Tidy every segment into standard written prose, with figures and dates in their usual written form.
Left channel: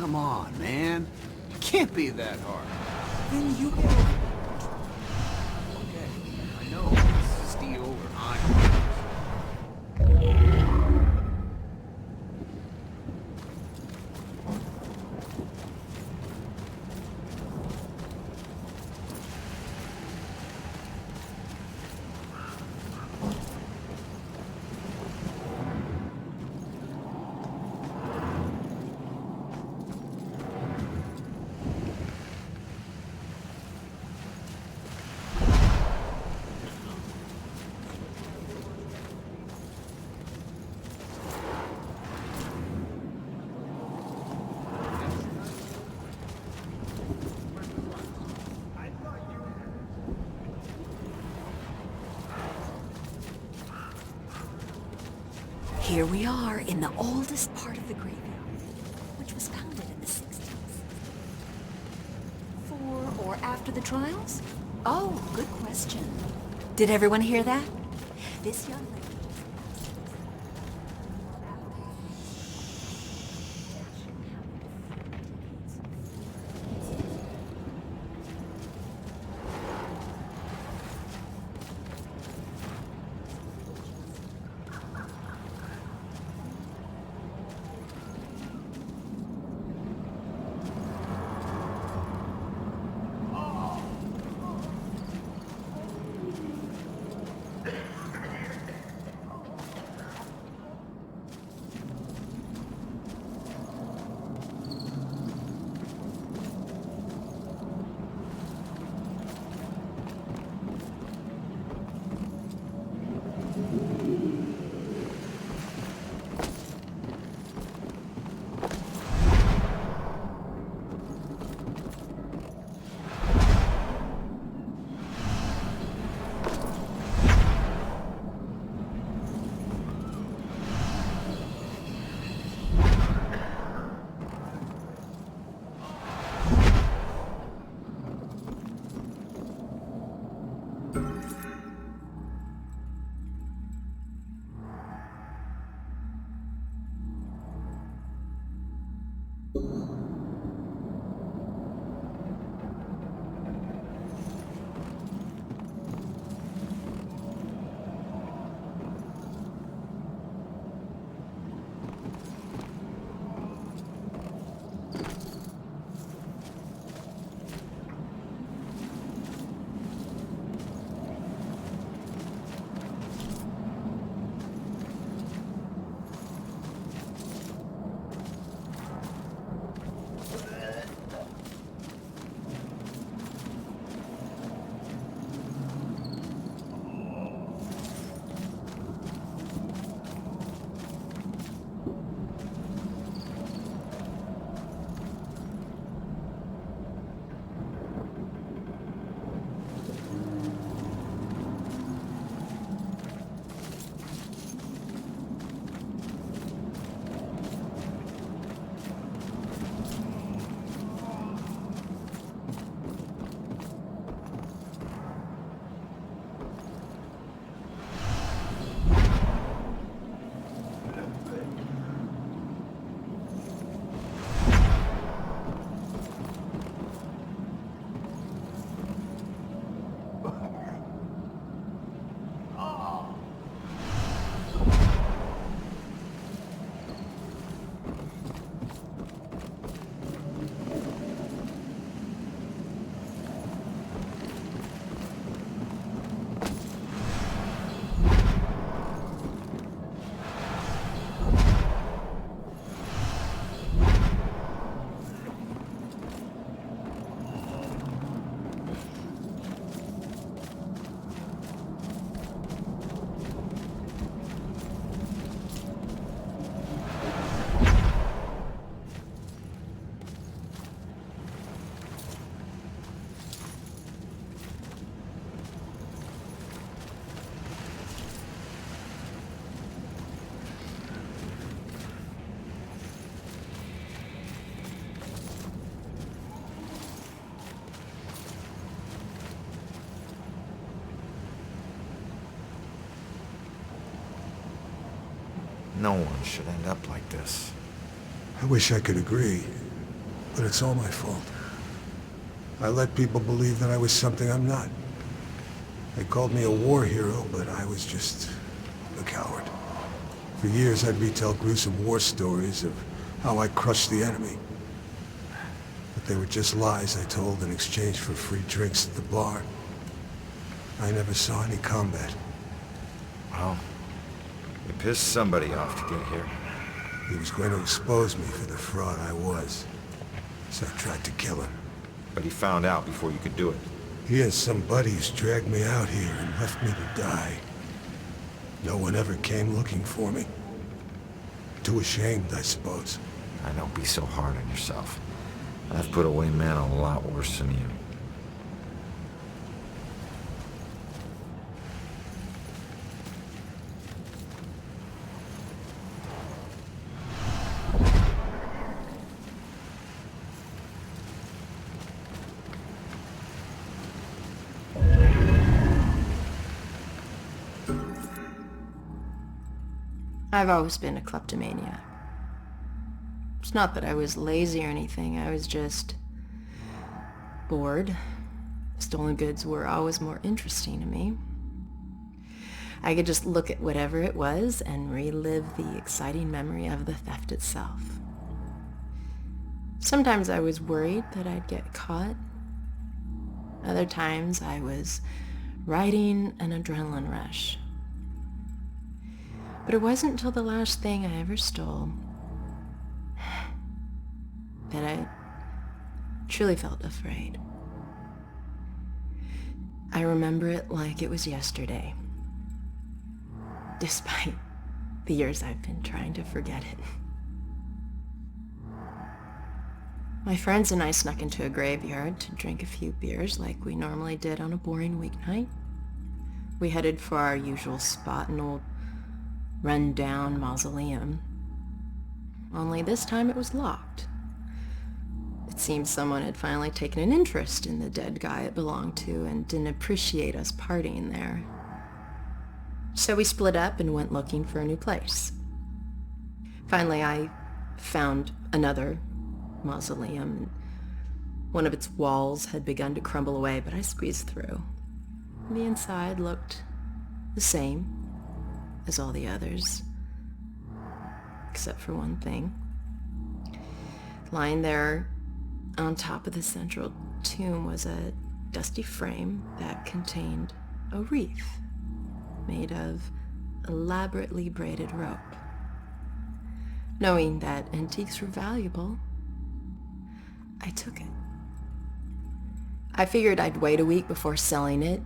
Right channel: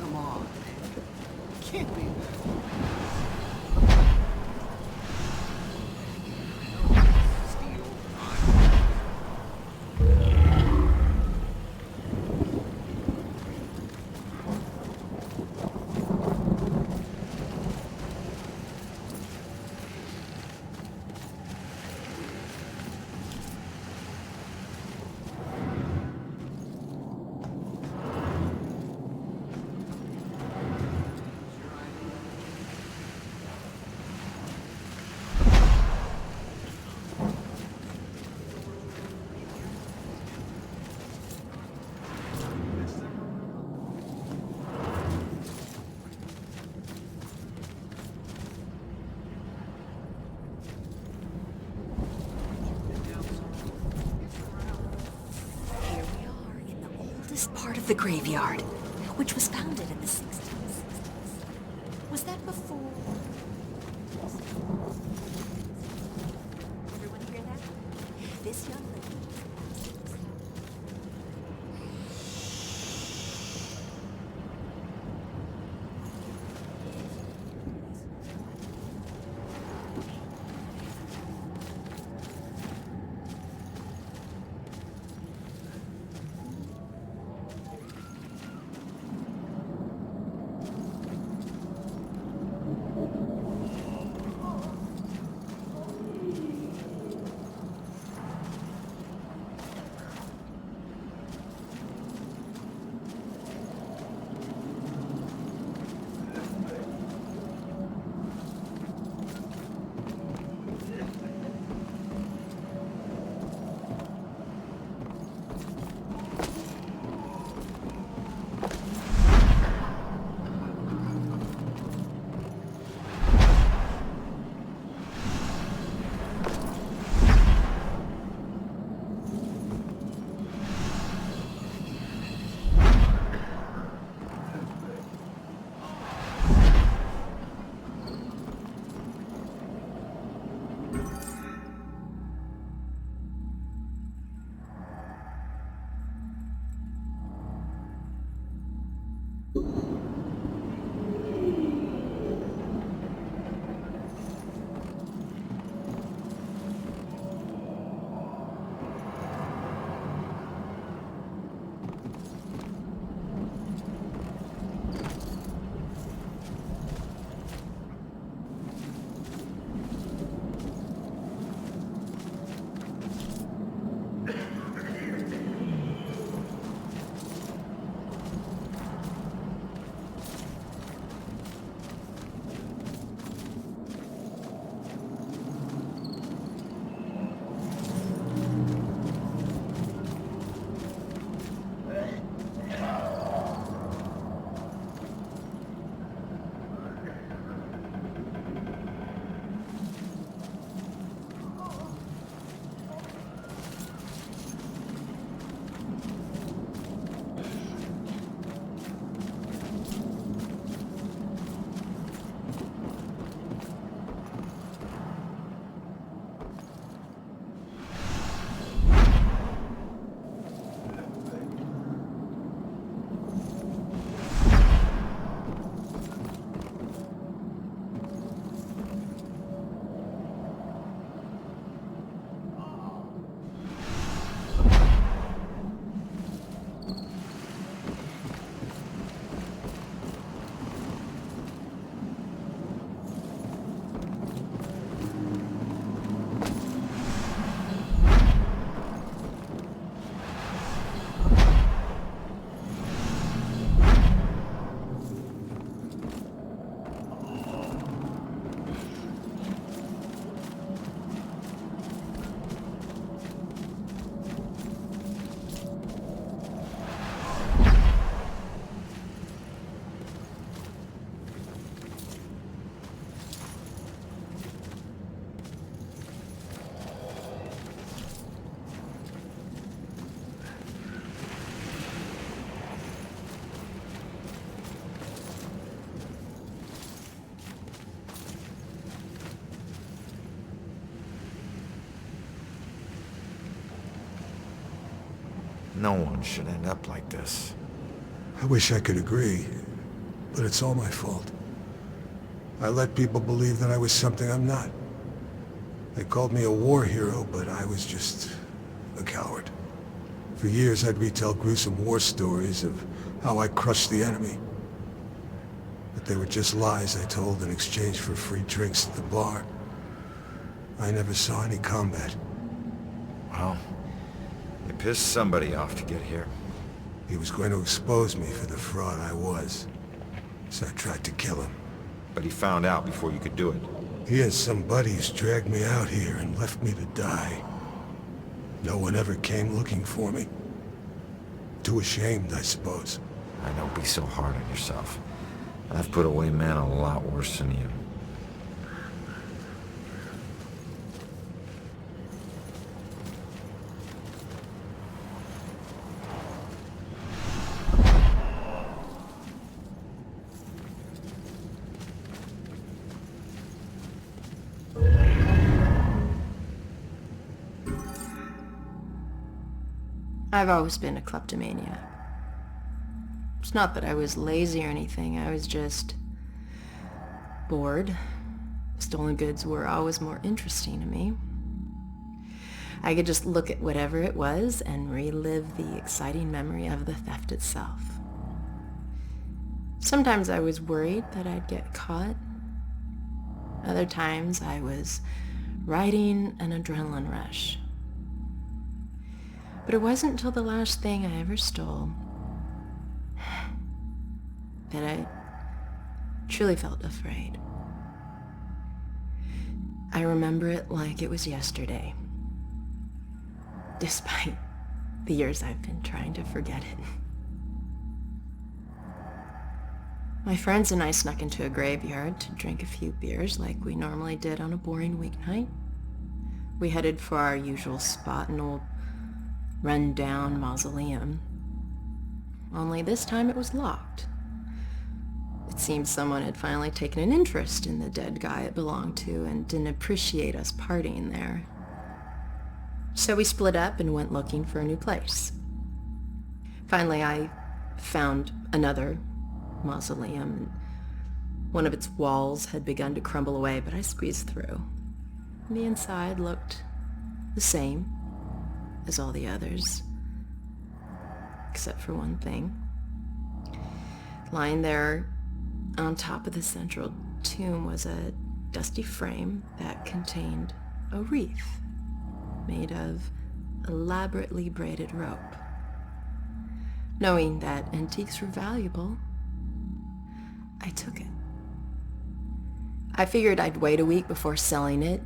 Come on, man. It can't be that hard. I know it's steel or iron. Here we are in the oldest part of the graveyard, which was founded in the 60s. Was that before or after the trials? Oh, good question. Did everyone hear that? This young lady... No one should end up like this. I wish I could agree. But it's all my fault. I let people believe that I was something I'm not. They called me a war hero, but I was just a coward. For years, I'd retell gruesome war stories of how I crushed the enemy. But they were just lies I told in exchange for free drinks at the bar. I never saw any combat. Well, you pissed somebody off to get here. He was going to expose me for the fraud I was. So I tried to kill him. But he found out before you could do it. He and some buddies dragged me out here and left me to die. No one ever came looking for me. Too ashamed, I suppose. I don't be so hard on yourself. I've put away men a lot worse than you. I've always been a kleptomaniac. It's not that I was lazy or anything, I was just bored. Stolen goods were always more interesting to me. I could just look at whatever it was and relive the exciting memory of the theft itself. Sometimes I was worried that I'd get caught. Other times I was riding an adrenaline rush. But it wasn't until the last thing I ever stole that I truly felt afraid. I remember it like it was yesterday, despite the years I've been trying to forget it. My friends and I snuck into a graveyard to drink a few beers like we normally did on a boring weeknight. We headed for our usual spot, an old run-down mausoleum. Only this time it was locked. It seemed someone had finally taken an interest in the dead guy it belonged to and didn't appreciate us partying there. So we split up and went looking for a new place. Finally, I found another mausoleum. One of its walls had begun to crumble away, but I squeezed through. The inside looked the same as all the others, except for one thing. Lying there on top of the central tomb was a dusty frame that contained a wreath made of elaborately braided rope. Knowing that antiques were valuable, I took it. I figured I'd wait a week before selling it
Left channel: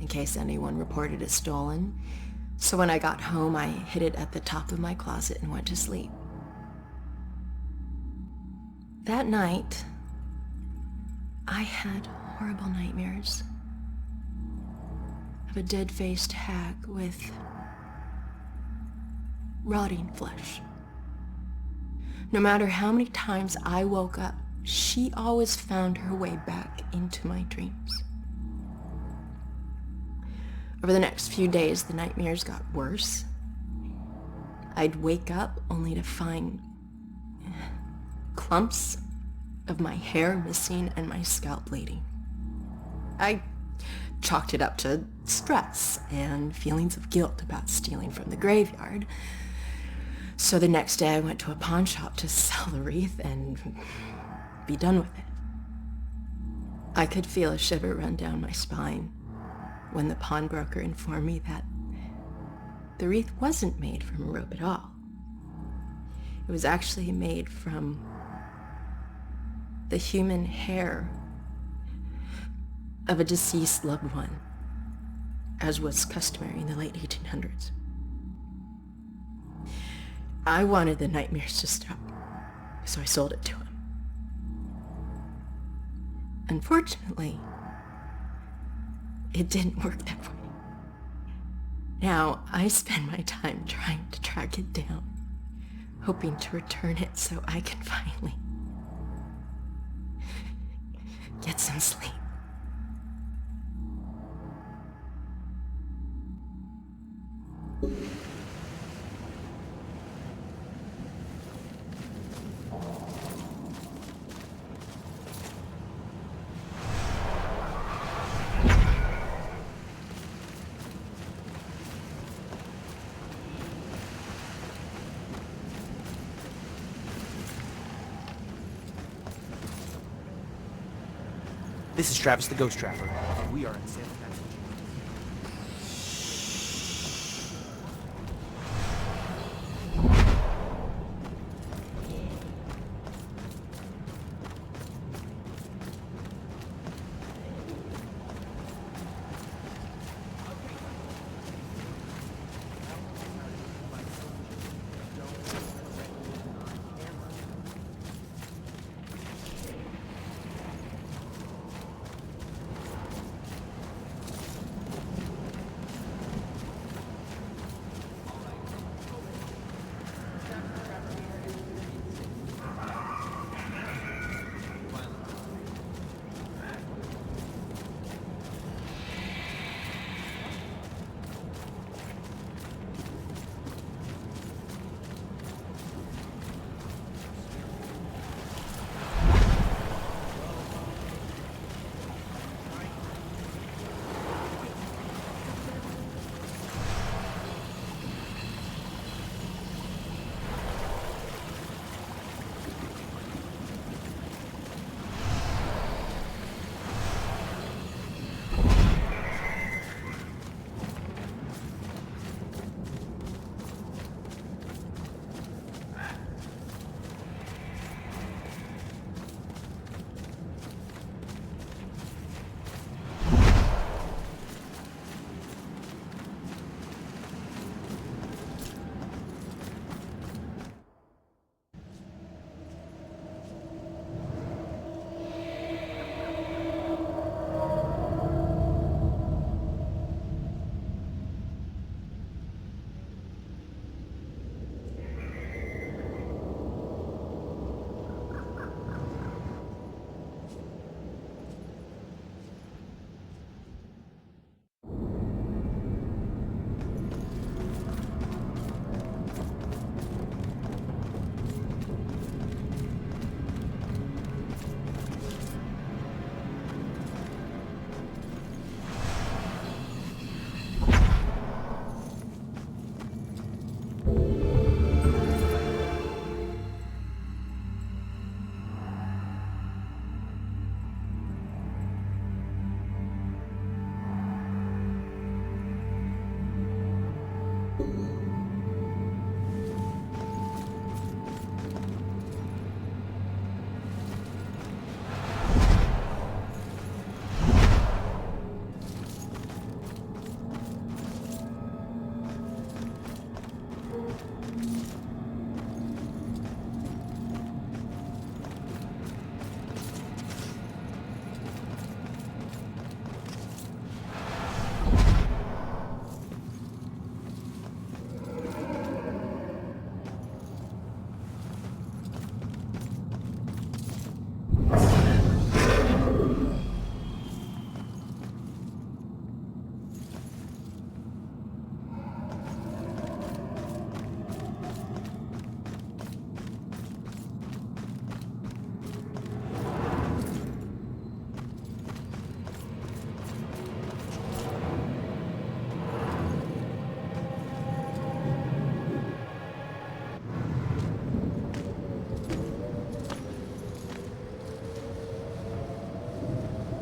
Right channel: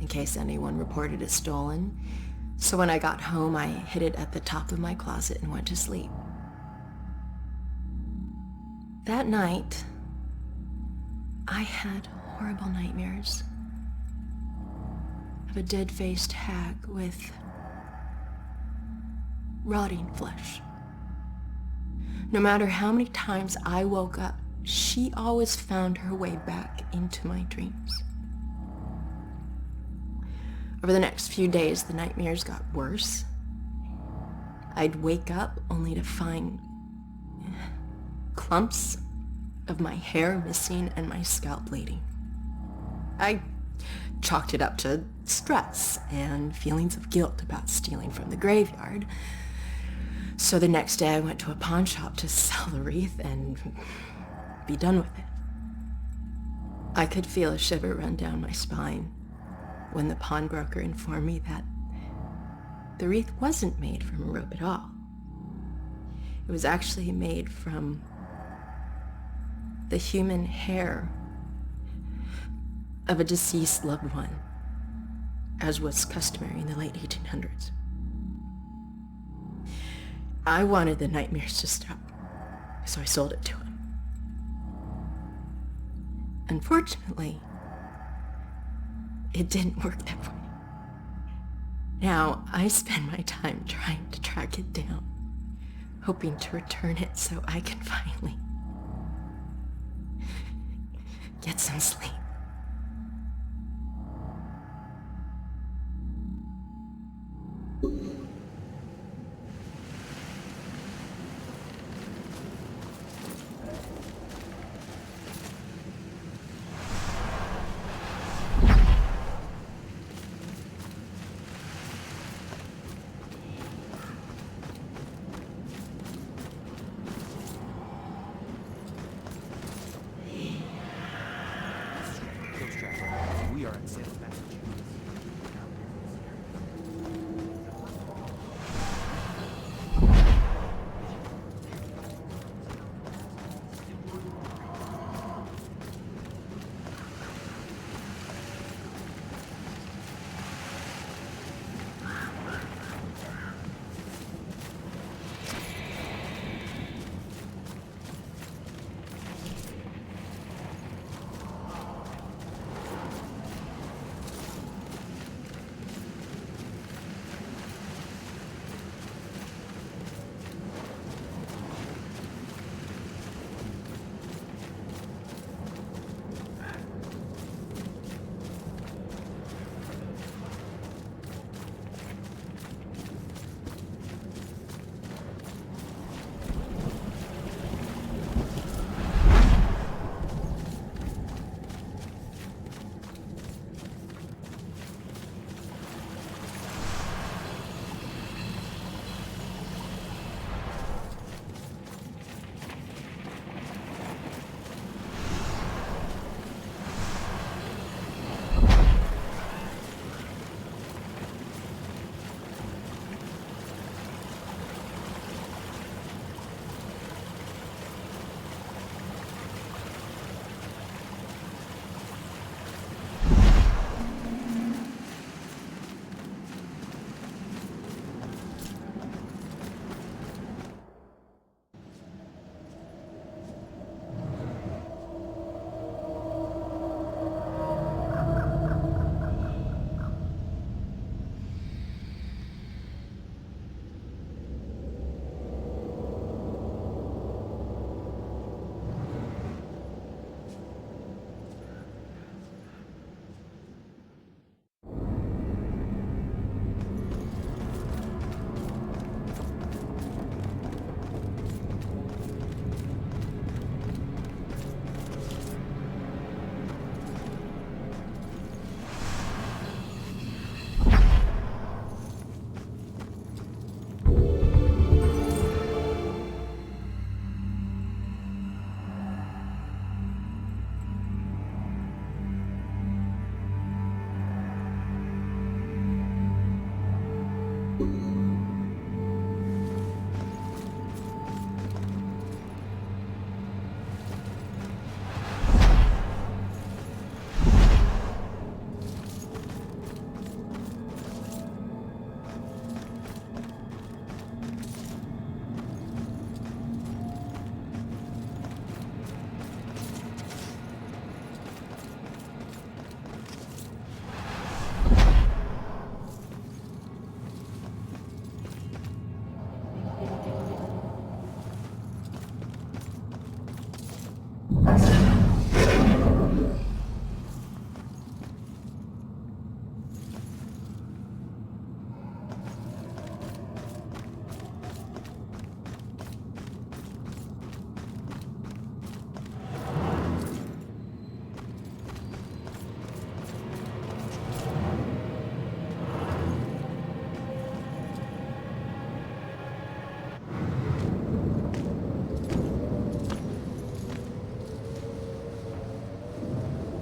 in case anyone reported it stolen. So when I got home, I hid it at the top of my closet and went to sleep. That night, I had horrible nightmares of a dead-faced hag with rotting flesh. No matter how many times I woke up, she always found her way back into my dreams. Over the next few days, the nightmares got worse. I'd wake up only to find clumps of my hair missing and my scalp bleeding. I chalked it up to stress and feelings of guilt about stealing from the graveyard. So the next day I went to a pawn shop to sell the wreath and be done with it. I could feel a shiver run down my spine when the pawnbroker informed me that the wreath wasn't made from a rope at all. It was actually made from the human hair of a deceased loved one, as was customary in the late 1800s. I wanted the nightmares to stop, so I sold it to him. Unfortunately, it didn't work that way. Now, I spend my time trying to track it down, hoping to return it so I can finally get some sleep. This is Travis the Ghost Trapper. We are in Salem, Massachusetts.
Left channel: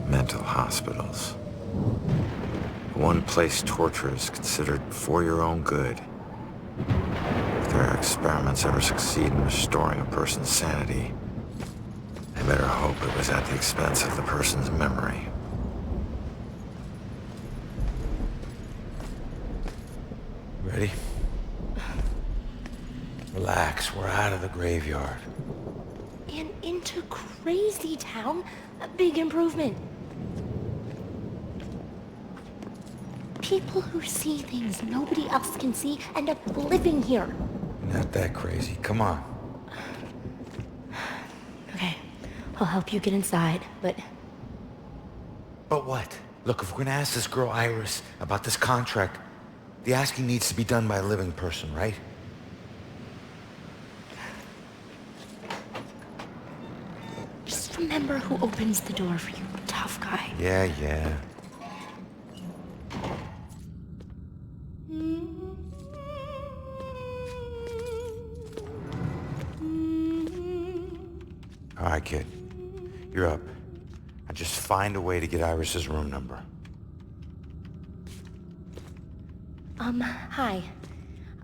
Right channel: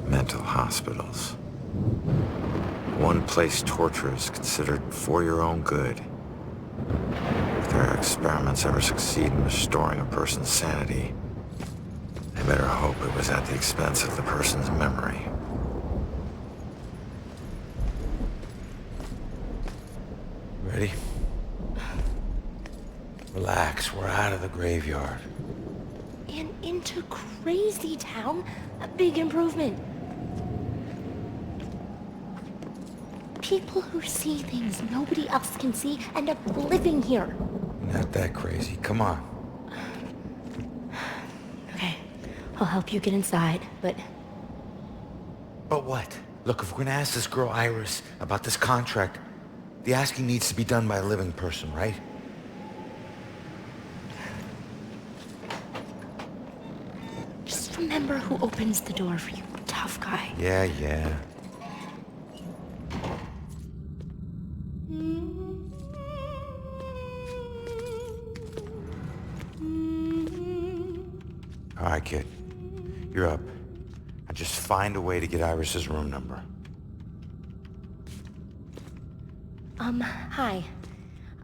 Mental hospitals. One place torture is considered for your own good. If their experiments ever succeed in restoring a person's sanity, they better hope it was at the expense of the person's memory. Ready? Relax, we're out of the graveyard. And into Crazy Town? A big improvement. People who see things nobody else can see end up living here. Not that crazy, come on. Okay, I'll help you get inside, but... But what? Look, if we're gonna ask this girl Iris about this contract, the asking needs to be done by a living person, right? Just remember who opens the door for you, tough guy. Yeah. All right, kid. You're up. Now just find a way to get Iris's room number. Hi.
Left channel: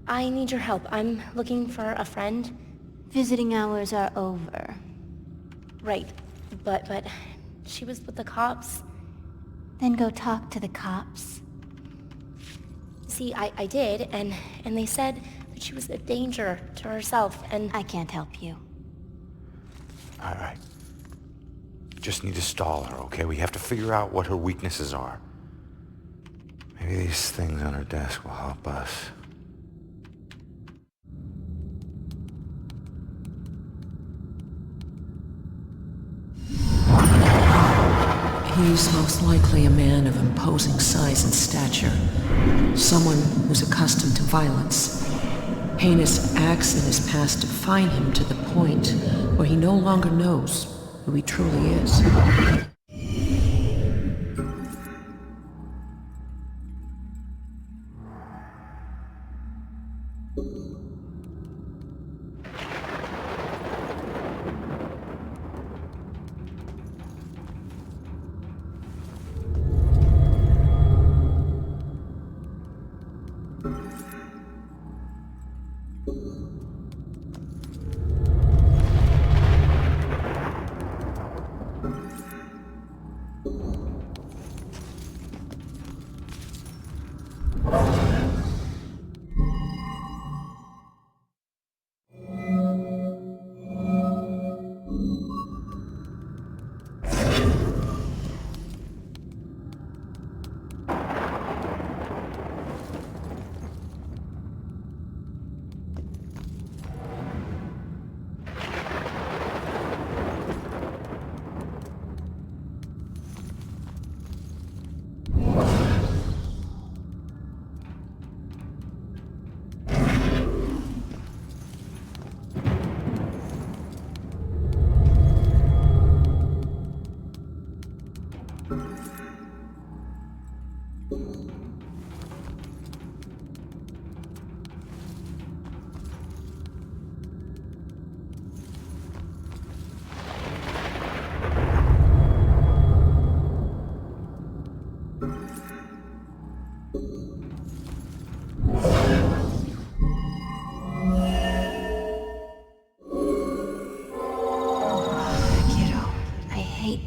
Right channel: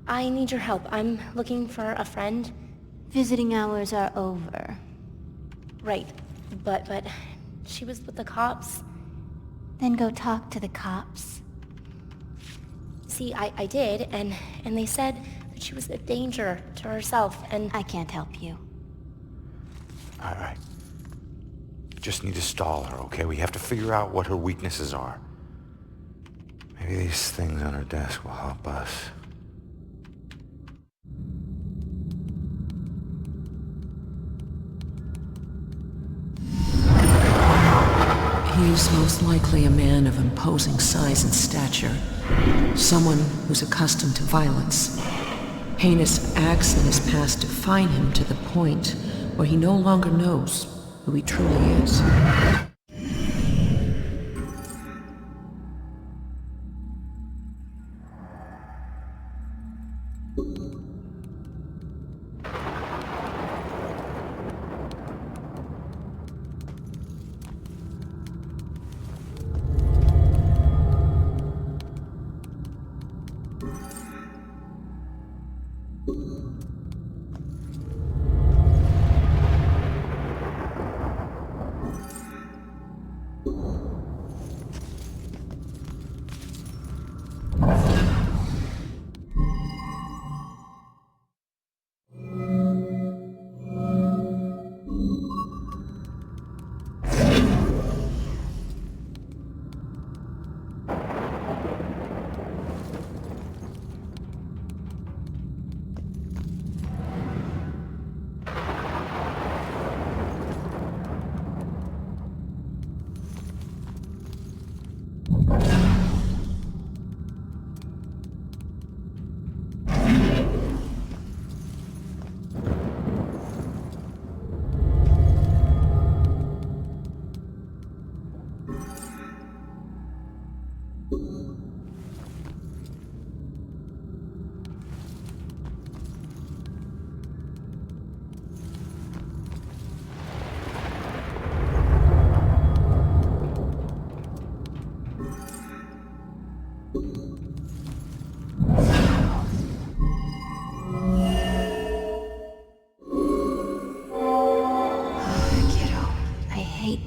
I need your help. I'm looking for a friend. Visiting hours are over. Right. But she was with the cops. Then go talk to the cops. See, I did, and they said that she was a danger to herself, and... I can't help you. All right. Just need to stall her, okay? We have to figure out what her weaknesses are. Maybe these things on her desk will help us. He's most likely a man of imposing size and stature. Someone who's accustomed to violence. Heinous acts in his past define him to the point where he no longer knows who he truly is.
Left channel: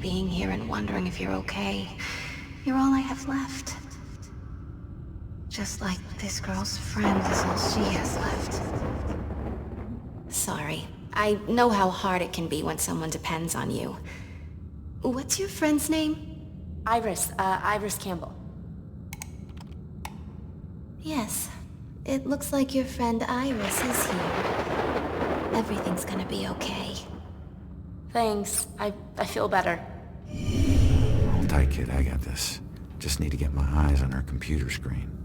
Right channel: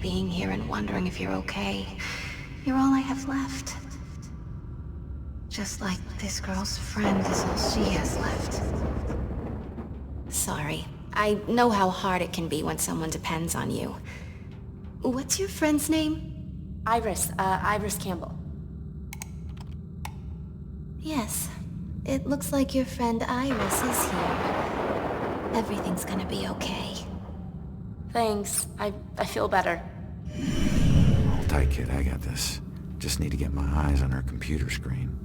Being here and wondering if you're okay. You're all I have left. Just like this girl's friend is all she has left. Sorry. I know how hard it can be when someone depends on you. What's your friend's name? Iris Campbell. Yes. It looks like your friend Iris is here. Everything's gonna be okay. Thanks. I feel better. Hold tight, kid. I got this. Just need to get my eyes on her computer screen.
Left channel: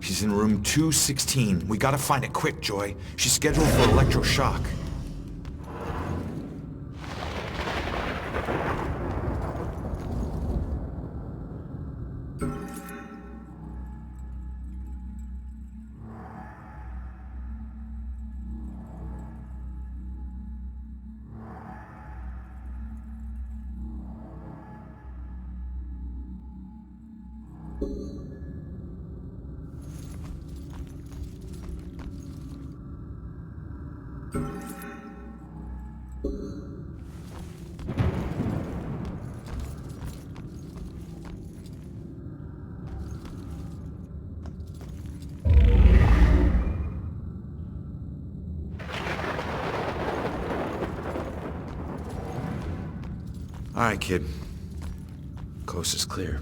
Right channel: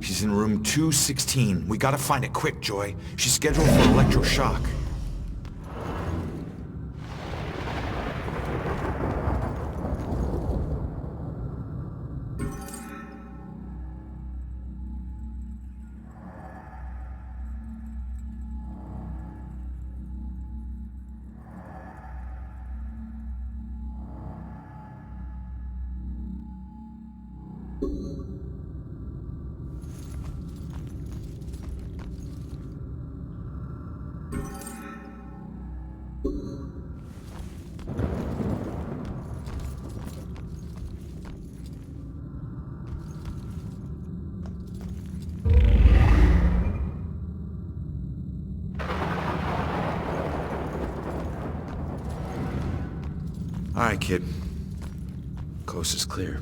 She's in room 216. We gotta find it quick, Joy. She's scheduled for electroshock. All right, kid. Coast is clear.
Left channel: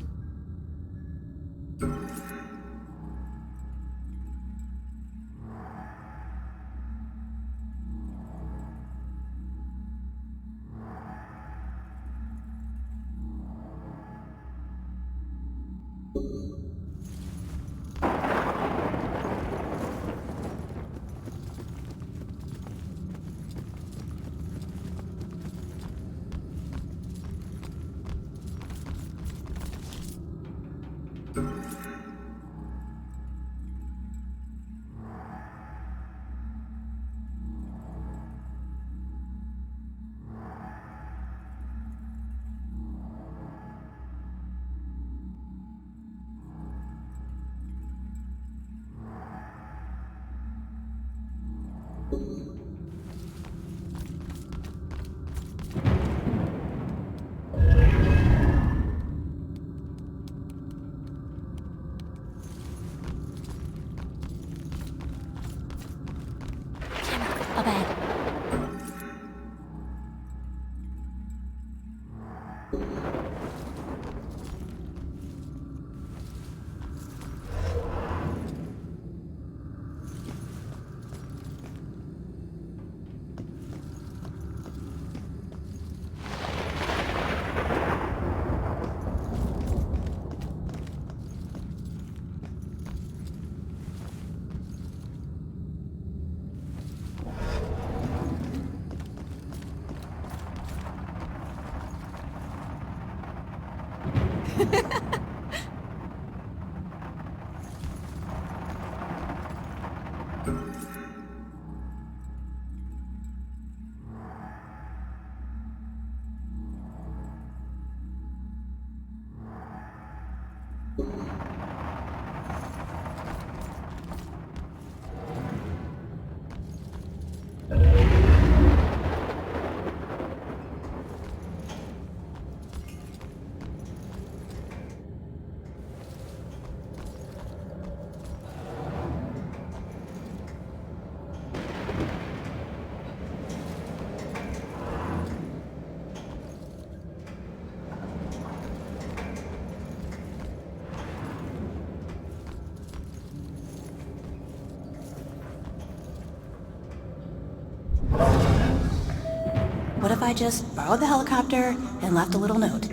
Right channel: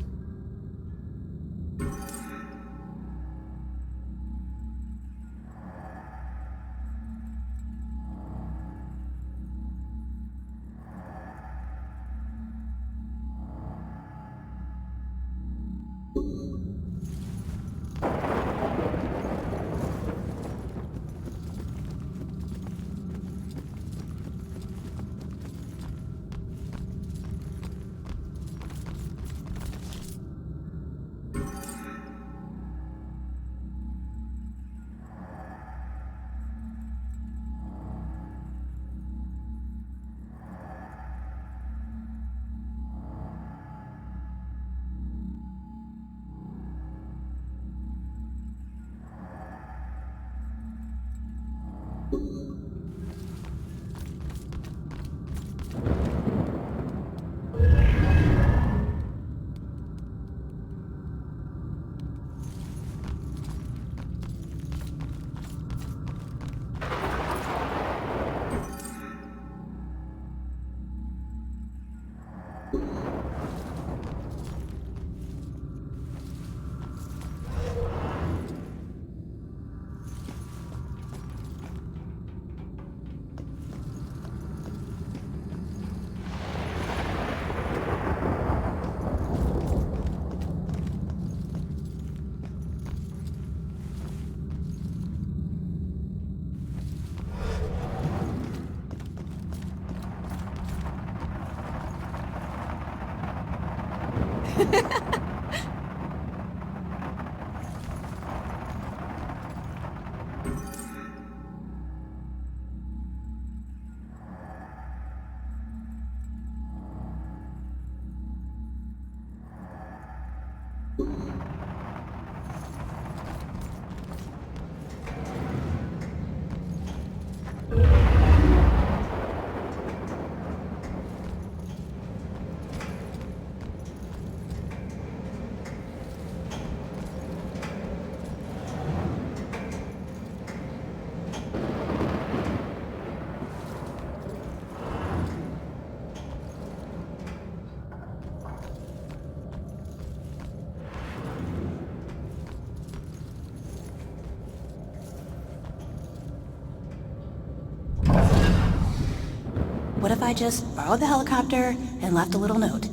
What if I just borrowed the helicopter and left a little note?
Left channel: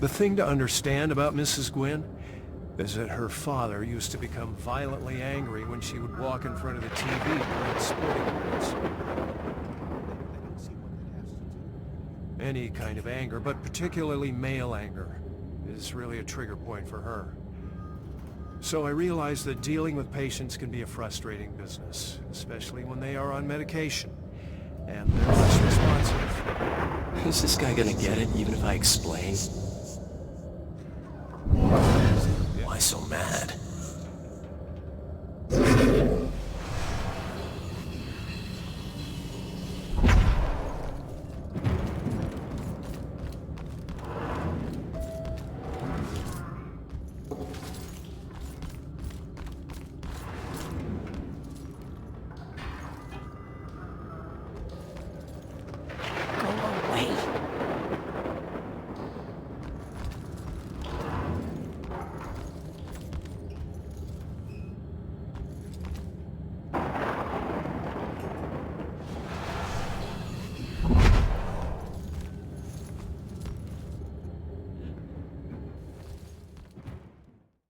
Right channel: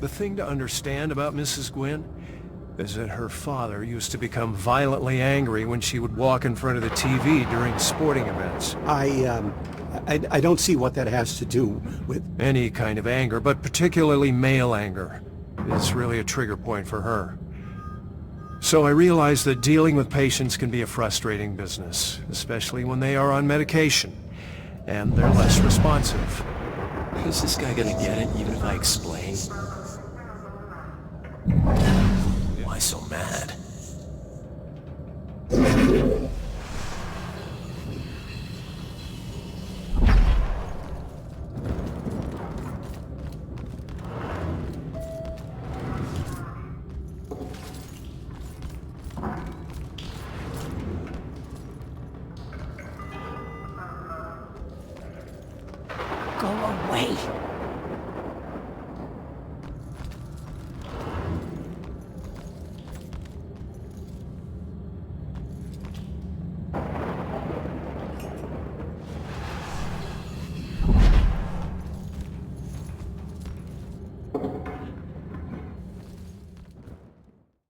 The thing to understand about Mrs. Gwynn is that her father used to become violently angry when she would walk in front of the TV during sporting events. I don't see what that has to do with... Any kind of anger, but particularly male anger, is really a trigger point for her. So I realize that dealing with patients can be a frustrating business, especially when they are on medication, and they're less responsive. Is this guy gonna get it, even if I explain? Why so mad? Go away.